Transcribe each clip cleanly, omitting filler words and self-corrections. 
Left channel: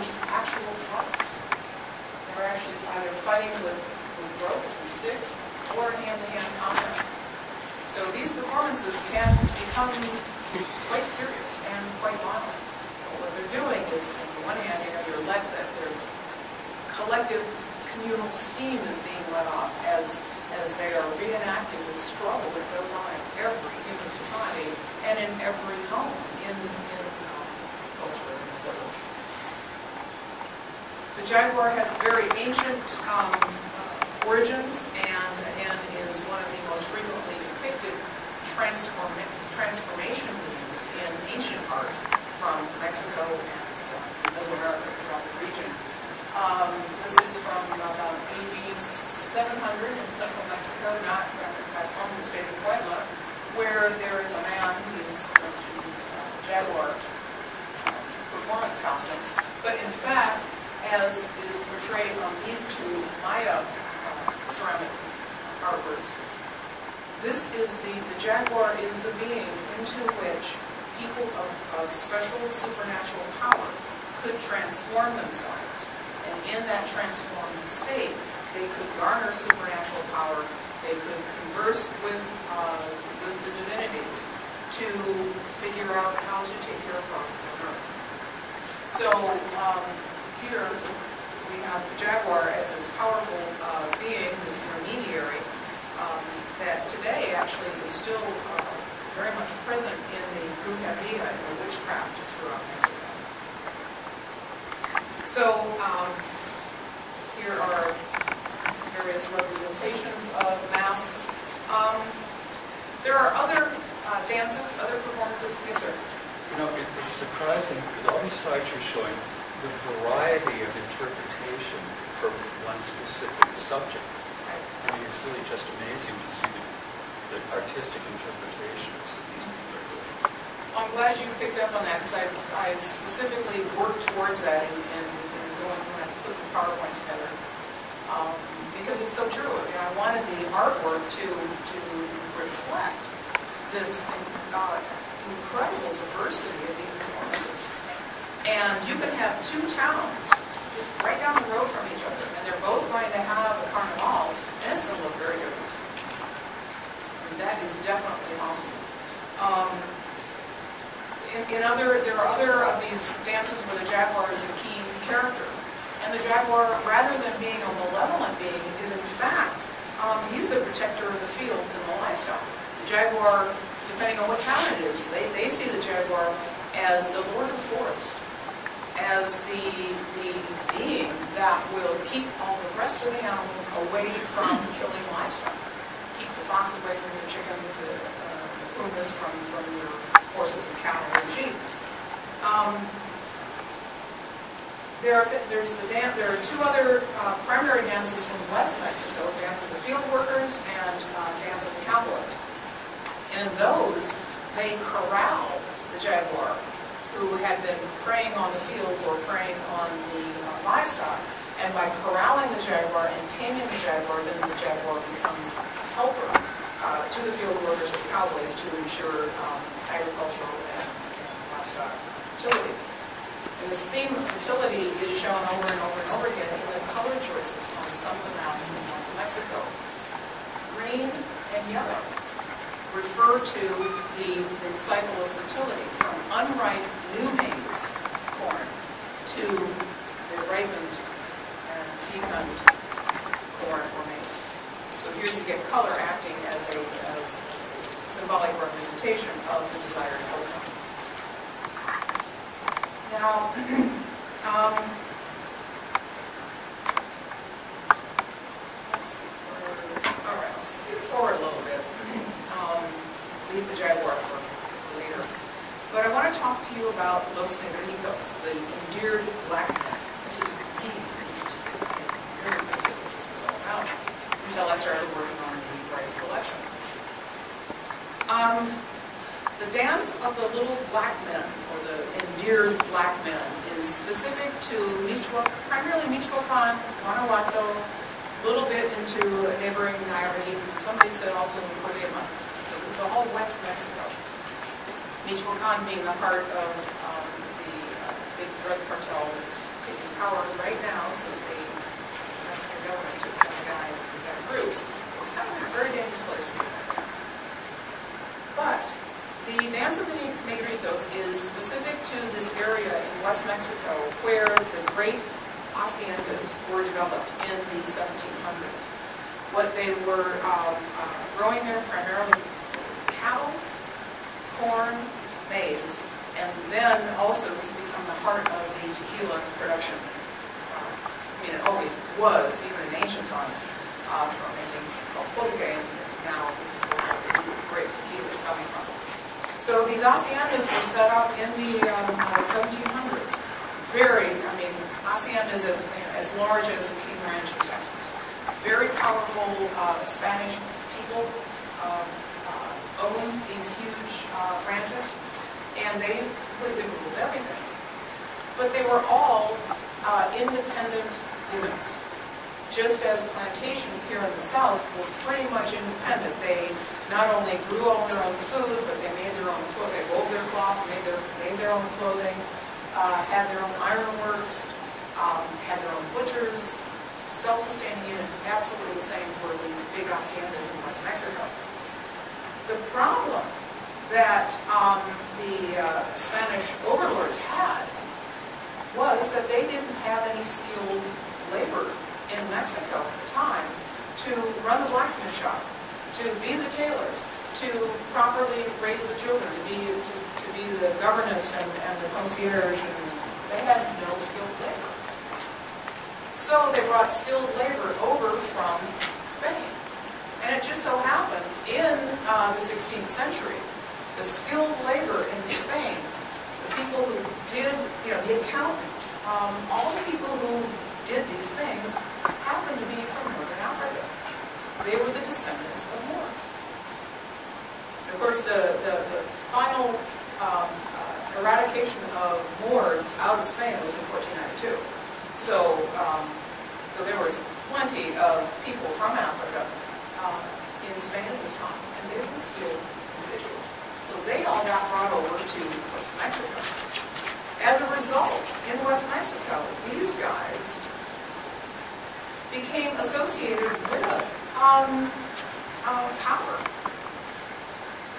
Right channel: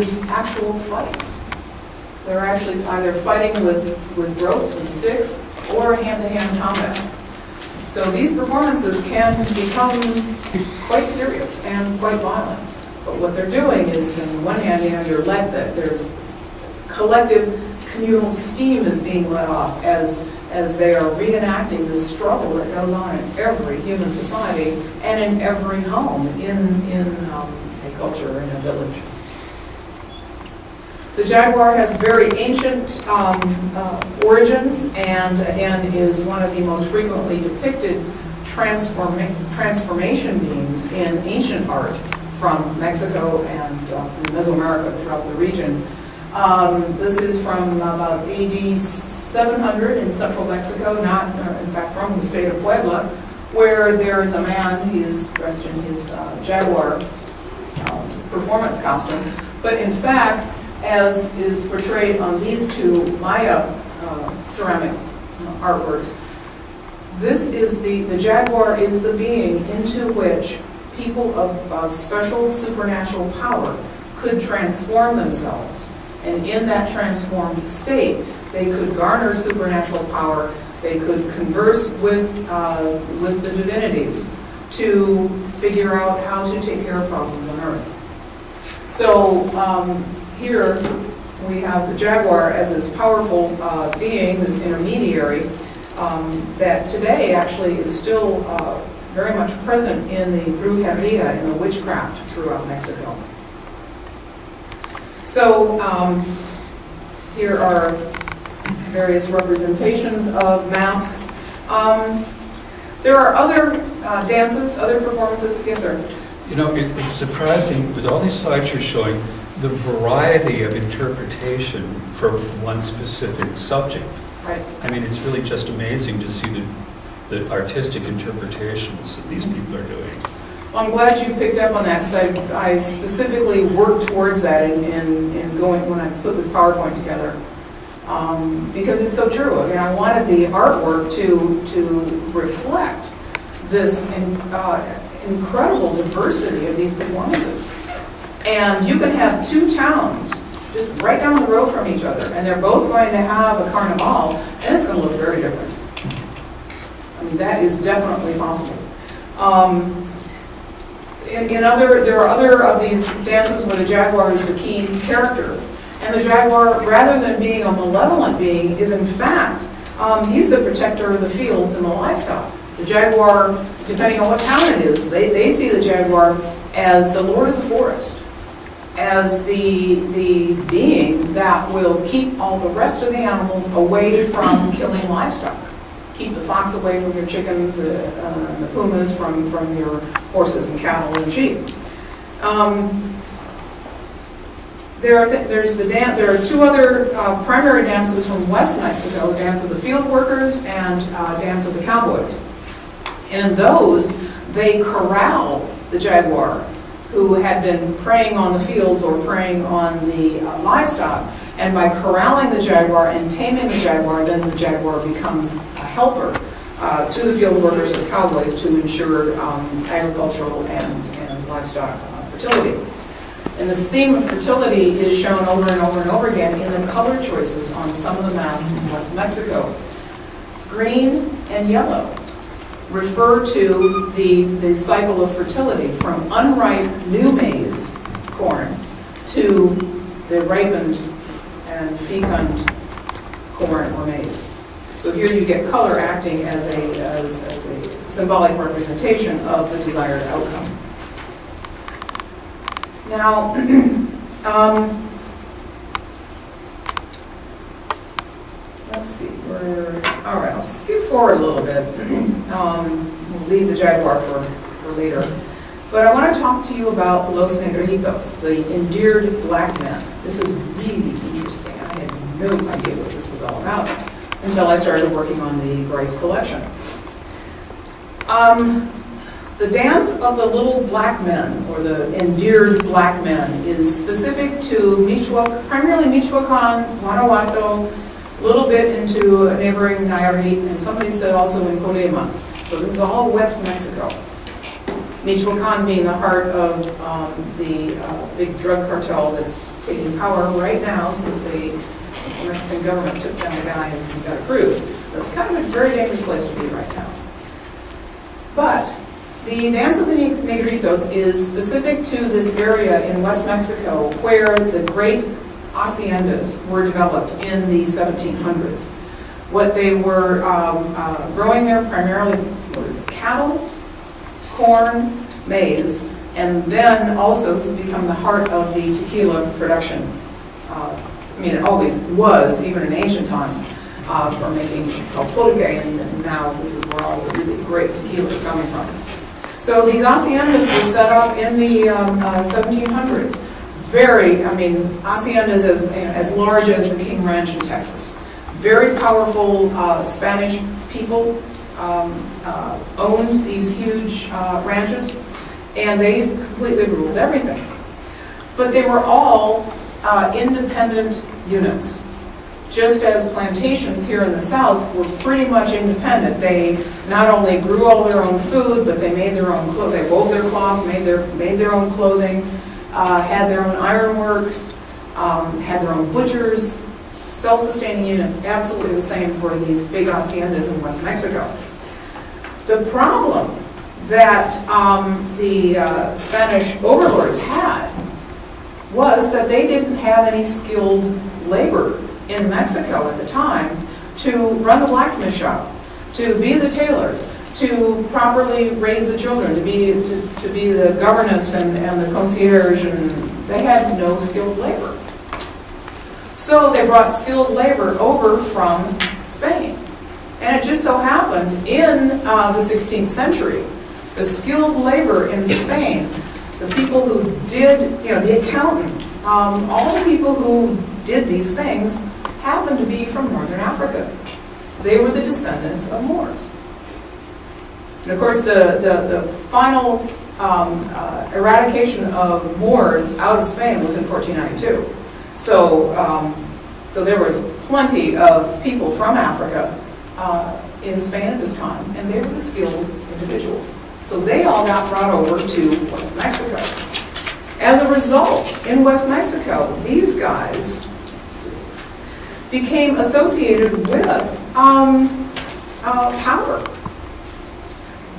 is actual fights. They're actually either fighting with ropes and sticks or hand-to-hand combat. So these performances can become quite serious and quite violent. But what they're doing is, on the one hand, you're let that there's collective communal steam is being let off as they are reenacting this struggle that goes on in every human society and in every home in a culture, in a village. The jaguar has very ancient origins and, again, is one of the most frequently depicted transformation beings in ancient art from Mexico and Mesoamerica throughout the region. This is from about AD 700 in central Mexico, not in fact from the state of Puebla, where there is a man, he's dressed in his jaguar performance costume, but in fact, as is portrayed on these two Maya ceramic artworks, this is the jaguar is the being into which people of special supernatural power could transform themselves. And in that transformed state, they could garner supernatural power, they could converse with the divinities to figure out how to take care of problems on Earth. So here we have the jaguar as this powerful being, this intermediary, that today actually is still very much present in the brujeria, in the witchcraft throughout Mexico. So here are various representations of masks. There are other dances, other performances. Yes, sir? You know, it's surprising, with all these slides you're showing, the variety of interpretation for one specific subject. Right. I mean, it's really just amazing to see the artistic interpretations that these people are doing. Well, I'm glad you picked up on that, because I specifically worked towards that in going when I put this PowerPoint together. Because it's so true. I mean, I wanted the artwork to reflect this incredible diversity of these performances. And you can have two towns just right down the road from each other, and they're both going to have a carnival, and it's going to look very different. I mean, that is definitely possible. There are other of these dances where the jaguar is the key character. And the jaguar, rather than being a malevolent being, is in fact, he's the protector of the fields and the livestock. The jaguar, depending on what town it is, they see the jaguar as the lord of the forest, as the being that will keep all the rest of the animals away from killing livestock. Keep the fox away from your chickens, the pumas from your horses and cattle and sheep. There are two other primary dances from West Mexico, Dance of the Field Workers and Dance of the Cowboys. And in those, they corral the jaguar, who had been preying on the fields or preying on the livestock. And by corralling the jaguar and taming the jaguar, then the jaguar becomes a helper to the field workers or the cowboys to ensure agricultural and livestock fertility. And this theme of fertility is shown over and over and over again in the color choices on some of the masks from West Mexico. Green and yellow refer to the cycle of fertility, from unripe new maize, corn, to the ripened and fecund corn or maize. So here you get color acting as a symbolic representation of the desired outcome. Now, let's see, all right, I'll skip forward a little bit. We'll leave the jaguar for later. But I want to talk to you about Los Negritos, the endeared black men. This is really interesting. I had no idea what this was all about until I started working on the Bryce collection. The dance of the little black men, or the endeared black men, is specific to primarily Michoacan, Guanajuato, a little bit into neighboring Nayarit, and somebody said also in Colima. So this is all West Mexico. Michoacan being the heart of the big drug cartel that's taking power right now since the Mexican government took down the guy in Veracruz. It's kind of a very dangerous place to be right now. But the Dance of the Negritos is specific to this area in West Mexico where the great haciendas were developed in the 1700s. What they were growing there primarily were cattle, corn, maize, and then also this has become the heart of the tequila production. I mean, it always was, even in ancient times, for making what's called pulque, and now this is where all the great tequila is coming from. So these haciendas were set up in the 1700s. I mean, haciendas as large as the King Ranch in Texas. Very powerful Spanish people owned these huge ranches, and they completely ruled everything. But they were all independent units. Just as plantations here in the South were pretty much independent. They not only grew all their own food, but they made their own clothes. They wove their cloth, made their own clothing, had their own ironworks, had their own butchers, self-sustaining units, absolutely the same for these big haciendas in West Mexico. The problem that the Spanish overlords had was that they didn't have any skilled labor in Mexico at the time to run the blacksmith shop, to be the tailors, to properly raise the children, to be the governess and the concierge, and they had no skilled labor. So they brought skilled labor over from Spain. And it just so happened in the 16th century, the skilled labor in Spain, the people who did, the accountants, all the people who did these things happened to be from Northern Africa. They were the descendants of Moors. And of course, the final eradication of Moors out of Spain was in 1492. So there was plenty of people from Africa in Spain at this time, and they were the skilled individuals. So they all got brought over to West Mexico. As a result, in West Mexico, these guys became associated with power.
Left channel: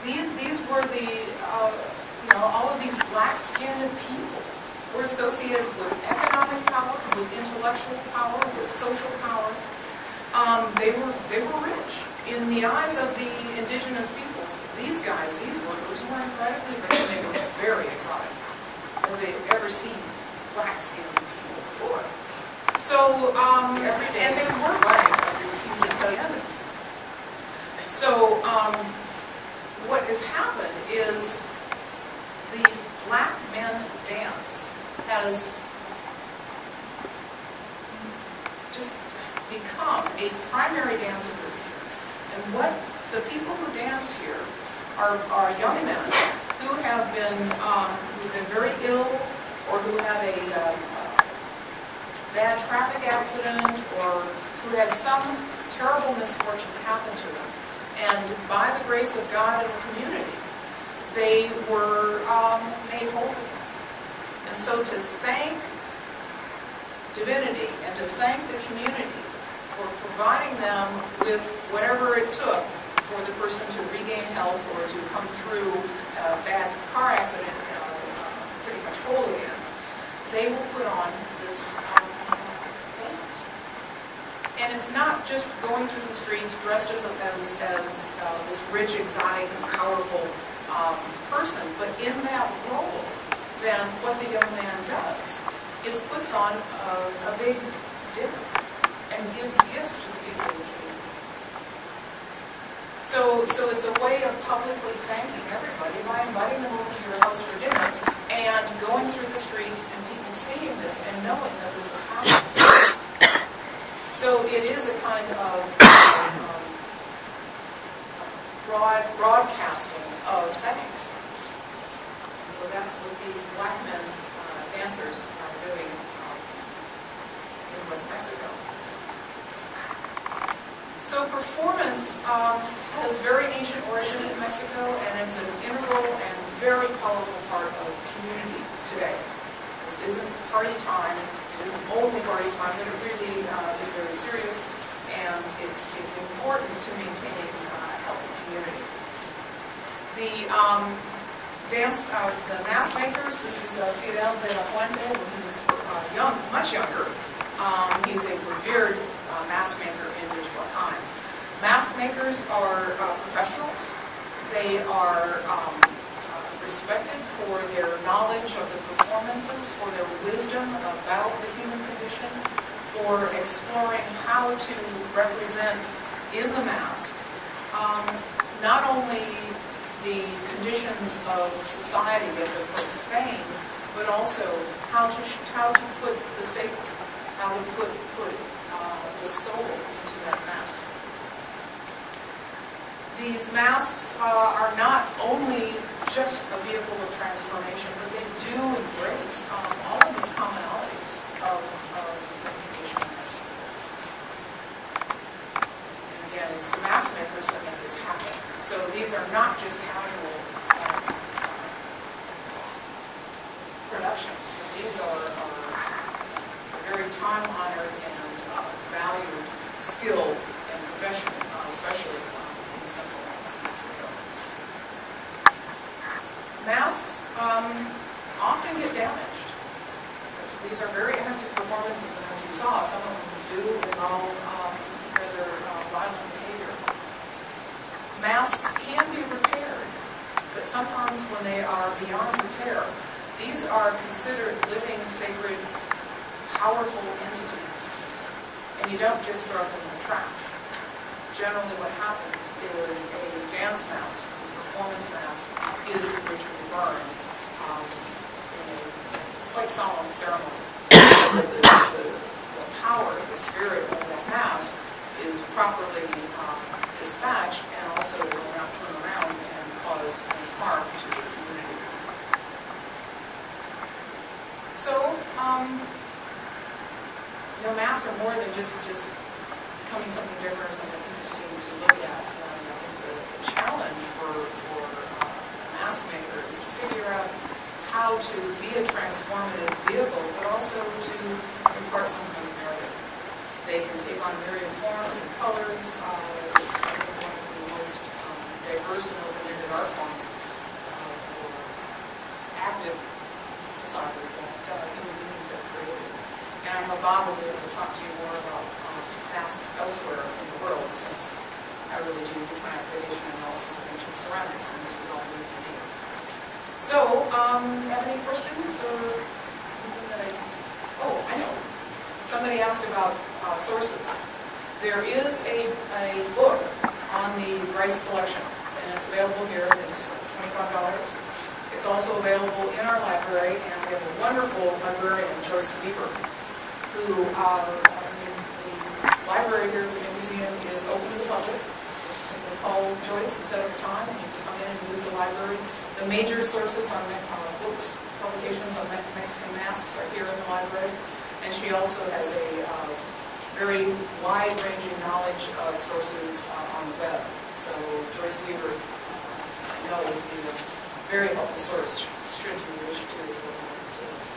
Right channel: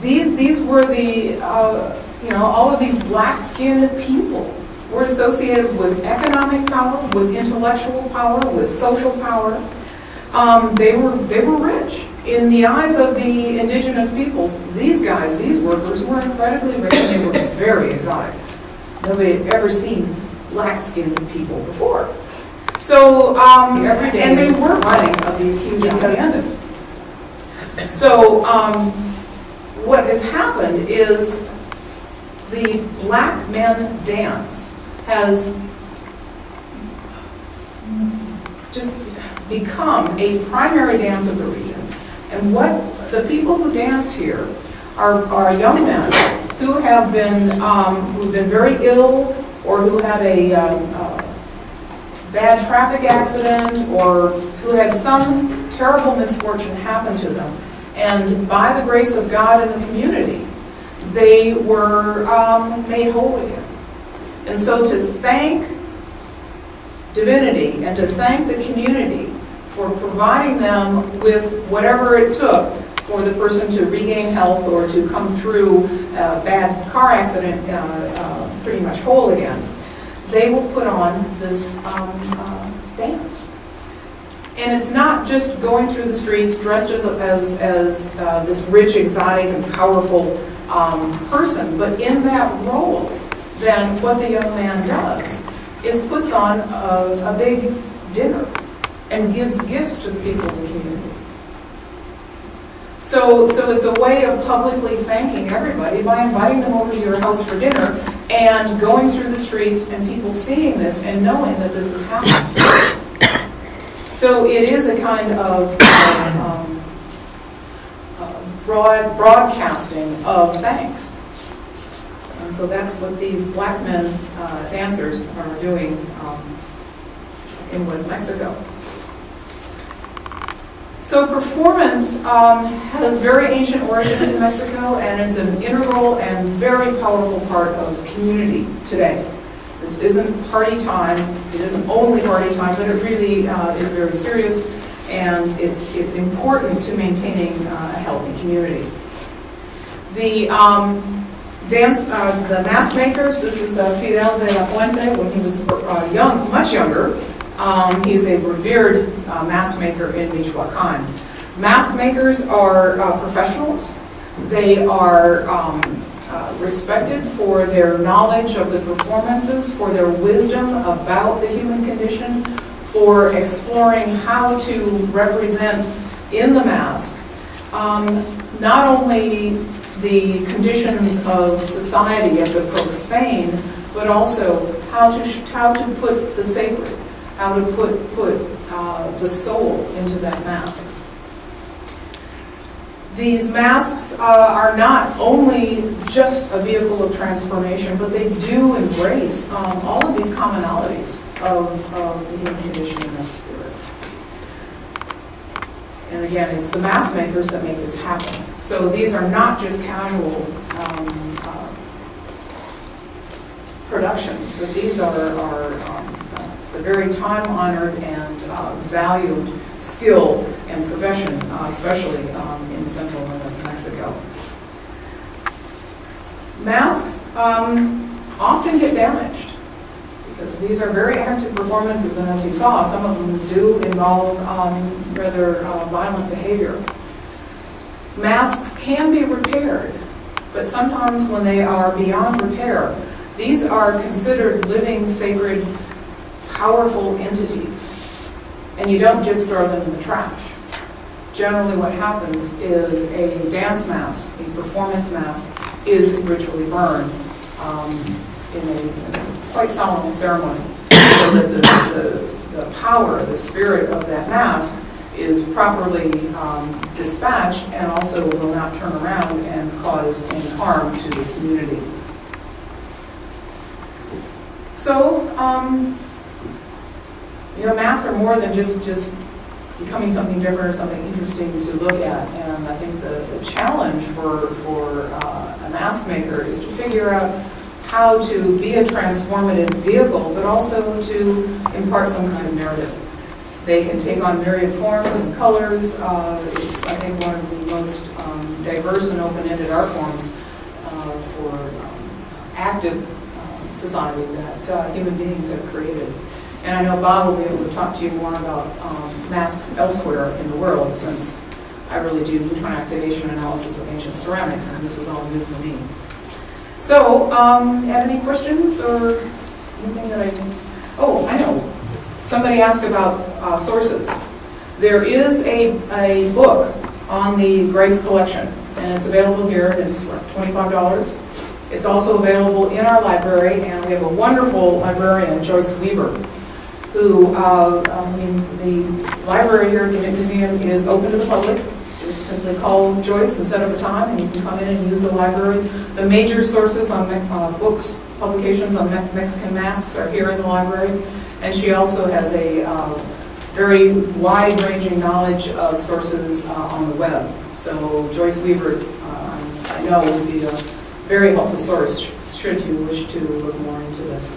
These were the, all of these black-skinned people were associated with economic power, with intellectual power, with social power. They were rich. In the eyes of the indigenous peoples, these guys, these workers, were incredibly rich, and they were very exotic. Nobody had ever seen black-skinned people before. So, every day, and they were running of these huge haciendas. So, what has happened is the black men dance has just become a primary dance of the region. And what the people who dance here are young men who have been who've been very ill, or who had a bad traffic accident, or who had some terrible misfortune happen to them. And by the grace of God in the community, they were made whole again. And so to thank divinity and to thank the community for providing them with whatever it took for the person to regain health or to come through a bad car accident pretty much whole again, they will put on this dance. And it's not just going through the streets dressed as this rich, exotic, and powerful person, but in that role, then what the young man does is puts on a big dinner and gives gifts to the people of the community. So it's a way of publicly thanking everybody by inviting them over to your house for dinner and going through the streets and people seeing this and knowing that this is happening. So it is a kind of broadcasting of thanks. And so that's what these black men dancers are doing in West Mexico. So performance has very ancient origins in Mexico, and it's an integral and very powerful part of the community today. This isn't party time, it isn't only party time, but it really is very serious, and it's important to maintaining a healthy community. The the mask makers, this is Fidel de la Fuente when he was young, much younger. He's a revered mask maker in Michoacan. Mask makers are professionals. They are respected for their knowledge of the performances, for their wisdom about the human condition, for exploring how to represent in the mask not only the conditions of society and the profane, but also how to put the sacred, how to put the soul into that mask. These masks are not only just a vehicle of transformation, but they do embrace all of these commonalities of the human condition and its spirit. And again, it's the mask makers that make this happen. So these are not just casual productions, but these are it's a very time-honored and valued skill and profession, especially in Central and West Mexico. Masks often get damaged because these are very active performances, and as you saw, some of them do involve rather violent behavior. Masks can be repaired, but sometimes when they are beyond repair, these are considered living, sacred, powerful entities, and you don't just throw them in the trash. Generally what happens is a dance mask, a performance mask, is ritually burned in a quite solemn ceremony, so that the power, the spirit of that mask is properly dispatched and also will not turn around and cause any harm to the community. So, you know, masks are more than just becoming something different or something interesting to look at. And I think the challenge for a mask maker is to figure out how to be a transformative vehicle, but also to impart some kind of narrative. They can take on myriad forms and colors. It's, I think, one of the most diverse and open-ended art forms for active society that human beings have created. And I know Bob will be able to talk to you more about masks elsewhere in the world, since I really do neutron activation analysis of ancient ceramics, and this is all new to me. So, have any questions or anything that I can? Oh, I know. Somebody asked about sources. There is a book on the Grace collection, and it's available here. It's like $25. It's also available in our library, and we have a wonderful librarian, Joyce Weaver, who, the library here at the museum is open to the public. Just simply call Joyce and set up a time, and you can come in and use the library. The major sources on books, publications on Mexican masks are here in the library, and she also has a very wide-ranging knowledge of sources on the web. So Joyce Weaver, I know, would be a very helpful source should you wish to look more into this.